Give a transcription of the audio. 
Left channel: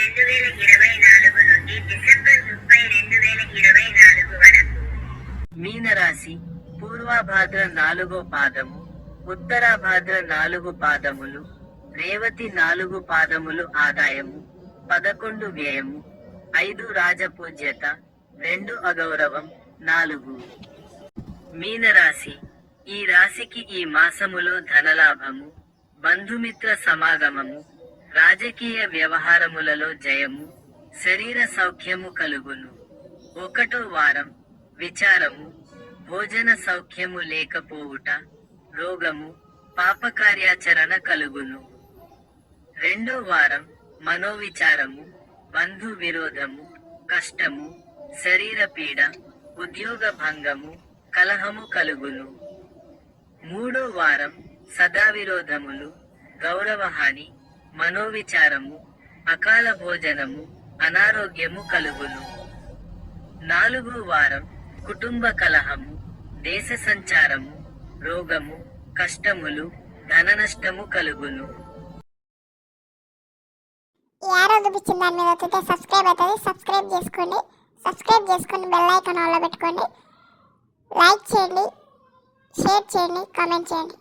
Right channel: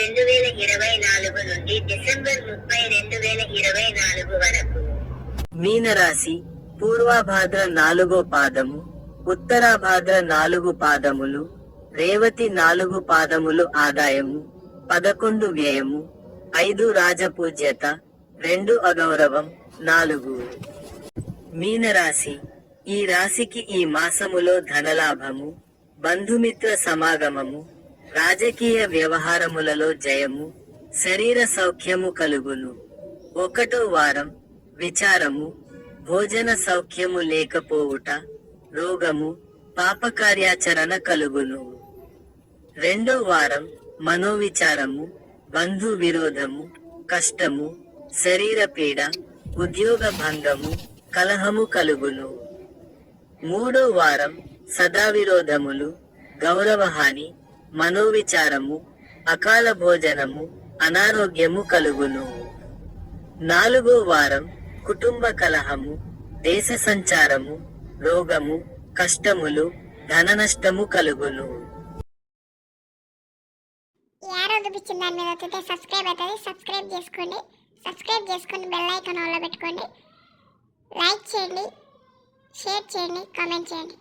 2024 నుండి డిసెంబర్ 30, 2024 వరకు. మీనరాశి పూర్వభాద్ర 4వ పాదము, ఉత్తరాభాద్ర 4 పాదములు, రేవతి 4 పాదములు ఆదాయము, 11 వ్యయము, 5 రాజపూజ్యత, 2 అగౌరవం, 4. మీనరాశి ఈ రాశికి ఈ మాసములో ధనలాభము, బంధుమిత్ర సమాగమము, రాజకీయ వ్యవహారములలో జయము, శరీర సౌఖ్యము కలుగును. 1వ వారం విచారము, భోజన సౌఖ్యము లేకపోవుట, రోగము, పాపకార్యాచరణ కలుగును. 2వ వారం మనోవిచారము, బంధు విరోధము, కష్టము, శరీర పీడ, ఉద్యోగ భంగము, కలహము కలుగును. 3వ వారం సదావిరోధములు, గౌరవహాని, మనోవిచారము, అకాల భోజనము, అనారోగ్యము కలుగును. 4వ వారం కుటుంబ కలహము, దేశ సంచారము, రోగము, కష్టములు, ధననష్టము కలుగును. ఈ యారో చూపించిన దాని మీద వస్తే సబ్స్క్రైబ్ అవుతుంది. సబ్స్క్రైబ్ చేసుకొని బెల్ ఐకాన్ ఆన్లో పెట్టుకోండి. లైక్ చేయండి, షేర్ చేయండి, కామెంట్ చేయండి.